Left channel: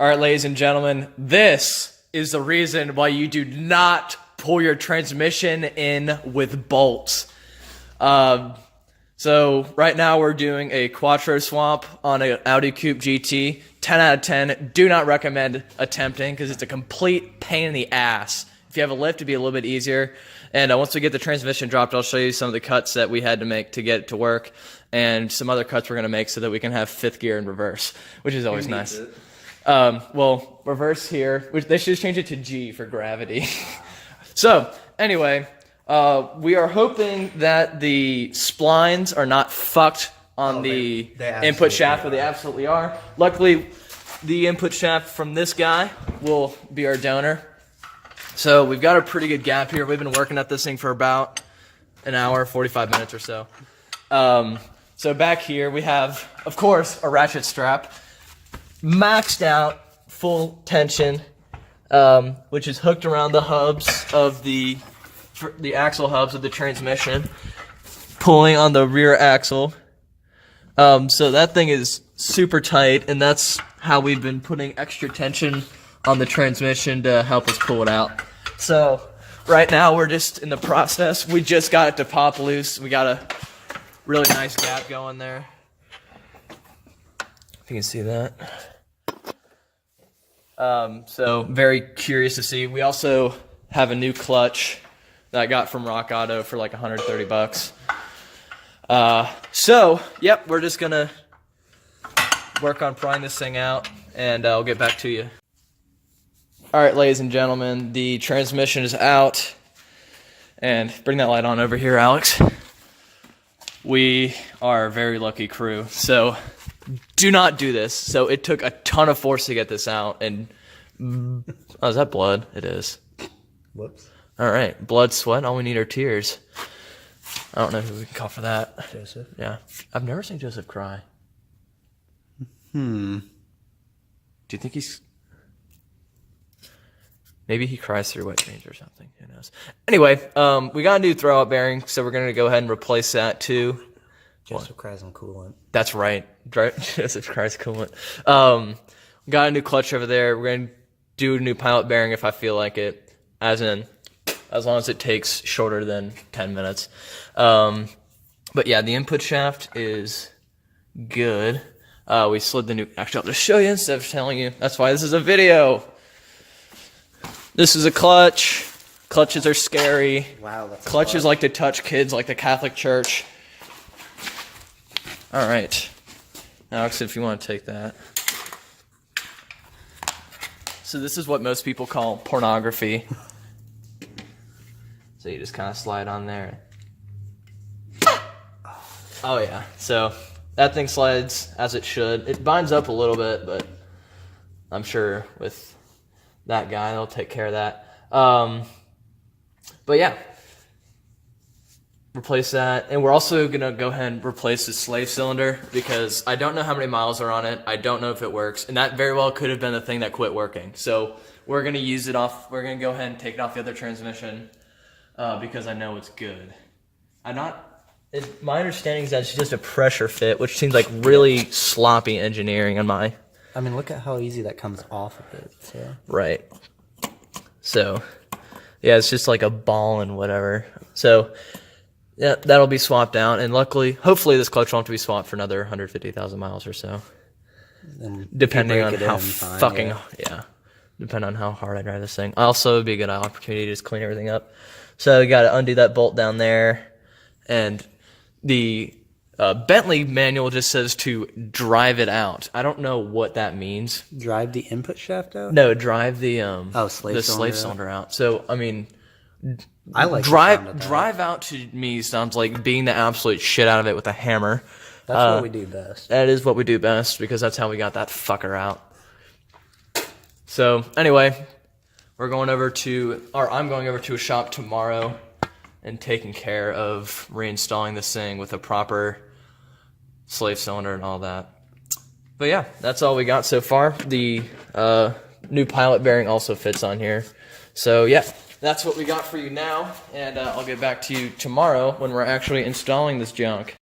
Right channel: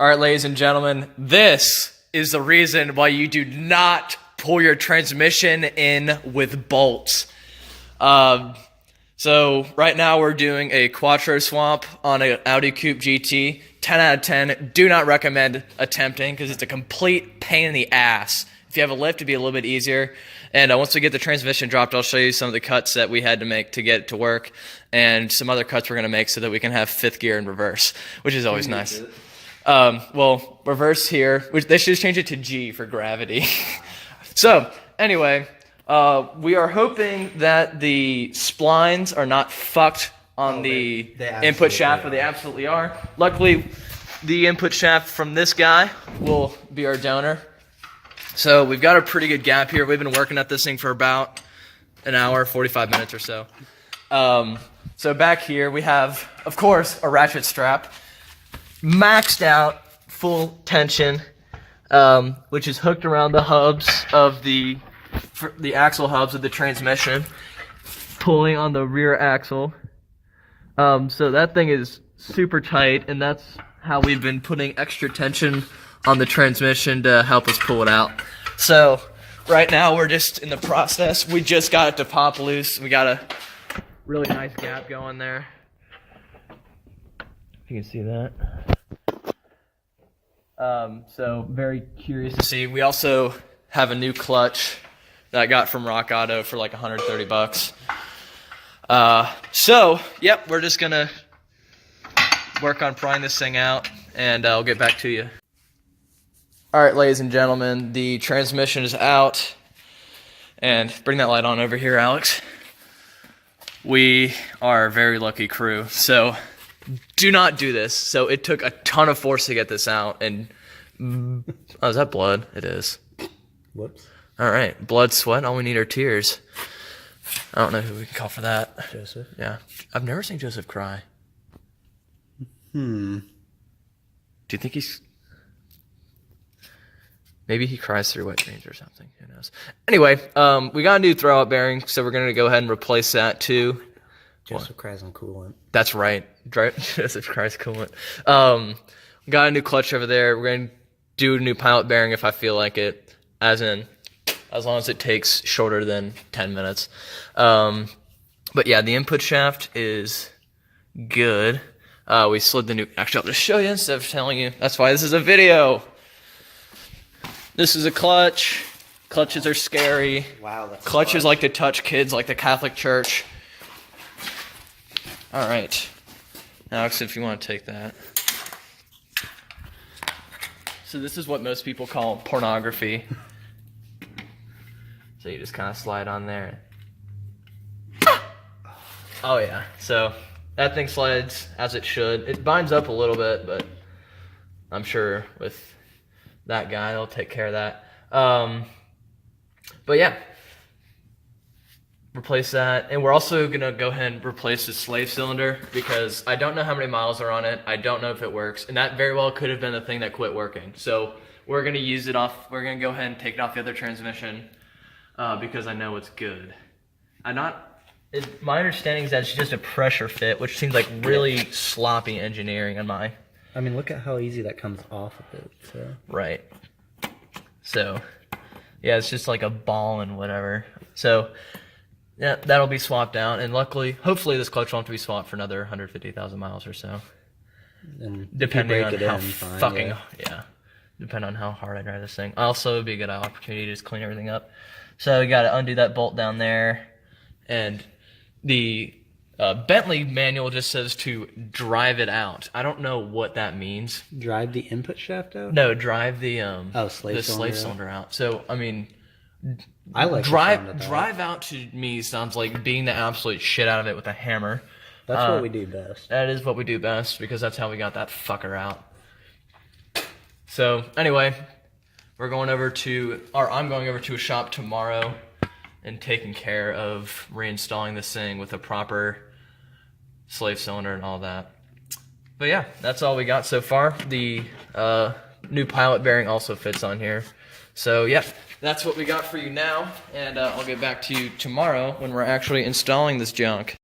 All right, ladies and gentlemen, this is the reason why you do not pull your transmission in with bolts. So right now we're doing a Quattro swap on an Audi Coupe GT. 10 out of 10. Do not recommend attempting because it's a complete pain in the ass. If you have a lift, it'd be a little bit easier. And once we get the transmission dropped, I'll show you some of the cuts that we had to make to get it to work and some other cuts we're going to make so that we can have fifth gear in reverse, which is always nice. Well, reverse here, which they should change it to G for gravity. So, anyway, we are hoping that the splines are not fucked on the input shaft, but they absolutely are. Luckily, the input shaft from this guy will be our donor. So we've got a pretty good gap here. We've been working at this thing for about an hour, 45 minutes or so. So back here we have, of course, a ratchet strap. Maxed out, full tension, which is hooked around the hubs of the axle hubs of the transmission, pulling on the rear axle. So that thing is super tight, and that's how we've been putting extra tension on the transmission to help us pull it out. So right now we're just in the process. We just got it to pop loose. We got a really nice gap going there. If you can see that. So very curious to see. We also have a new clutch that I got from Rock Auto for like 130 bucks. So, yep, we're just gonna work on prying this thing out, and I'll get back to you. All right, ladies and gentlemen, the transmission is out, and bring that light on over here, Alex. We are a very lucky crew, so do not do this. So it took a ton of force to get this out, and oh, is that blood? It is. Whoops. All right, blood, sweat, all we need are tears. I don't know who we can call for that. Joseph? Yeah. I've never seen Joseph cry. Do you think he's... Maybe he cries through wet dreams or something. Who knows? Anyway, we got a new throwout bearing, so we're going to go ahead and replace that too. Joseph cries on coolant. That's right. Joseph cries coolant. We got a new clutch over there. We're going to do a new pilot bearing if I feel like it. As long as it takes shorter than 10 minutes. But yeah, the input shaft is good. We slid the new... Actually, I'll just show you instead of telling you. That's why this is a video. This is a clutch. Clutches are scary. Wow, that's Clutches like to touch kids like the Catholic Church. All right. Alex, if you want to take that. So this is what most people call pornography. So you just kind of slide on there. Oh yeah, so that thing slides as it should. It binds up a little bit, but I'm sure with that guy, they'll take care of that. But yeah, replace that. And we're also gonna go ahead and replace the slave cylinder because I don't know how many miles are on it. I don't know if it works. And that very well could have been the thing that quit working. So we're gonna use it off, we're gonna go ahead and take it off the other transmission. Because I know it's good. My understanding is that it's just a pressure fit, which seems like really sloppy engineering on my... I mean, look at how easy that comes off of it. So. Right. So, yeah, it's just like a ball and whatever. So, yeah, that'll be swapped out. And luckily, hopefully this clutch won't have to be swapped for another 150,000 miles or so. Depending on how depending on how hard I drive this thing. Also, it'd be a good opportunity to just clean everything up. So we got to undo that bolt down there, and the Bentley manual just says to drive it out. I don't know what that means. Drive the input shaft out? No, drive the slave cylinder out. So I mean, I like drive out to me sounds like beating the absolute shit out of it with a hammer. That's what we do best. That is what we do best because that's how we got that fucker out. So anyway. I'm going over to a shop tomorrow and taking care of reinstalling this thing with a proper slave cylinder and all that. But yeah, that's all we got so far. The new pilot bearing also fits on here. So yeah, that's what we got for you now, and I'll get back to you tomorrow when we're actually installing this junk.